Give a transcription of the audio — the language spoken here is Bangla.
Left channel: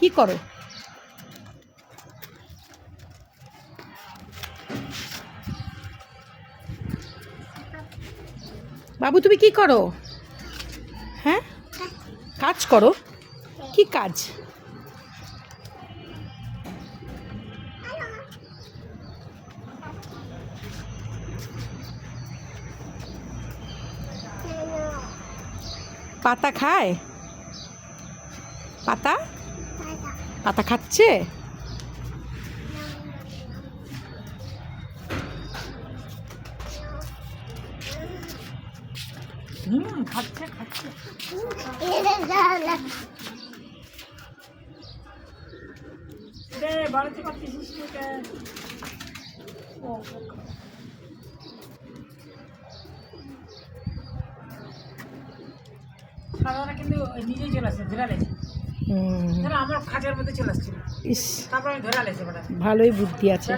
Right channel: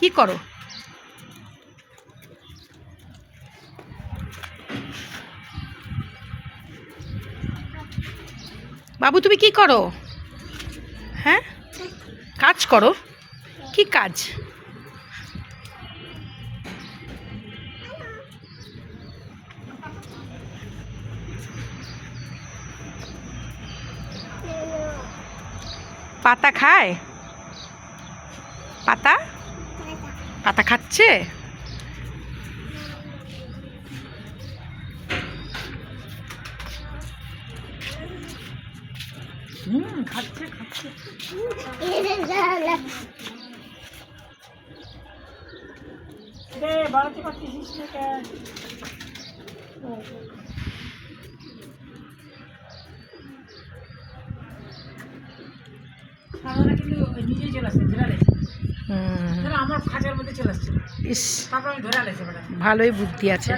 কি করো? বাবু তুমি কি করো? হ্যাঁ, কাজ করো? কি কাজ? পাতা খায়? পাতা পাতা খাচ্ছে? খাচ্ছে খাচ্ছে। রে বাড়াতে পারছিস না? সারারা কিন্তু নিজেই চলে আসছে, ধরে আলেছে। আমার খাঁচার মধ্যে চলে আসছিল, তারপর আমি ধরে আলেছে। ভালোই বুদ্ধি আছে।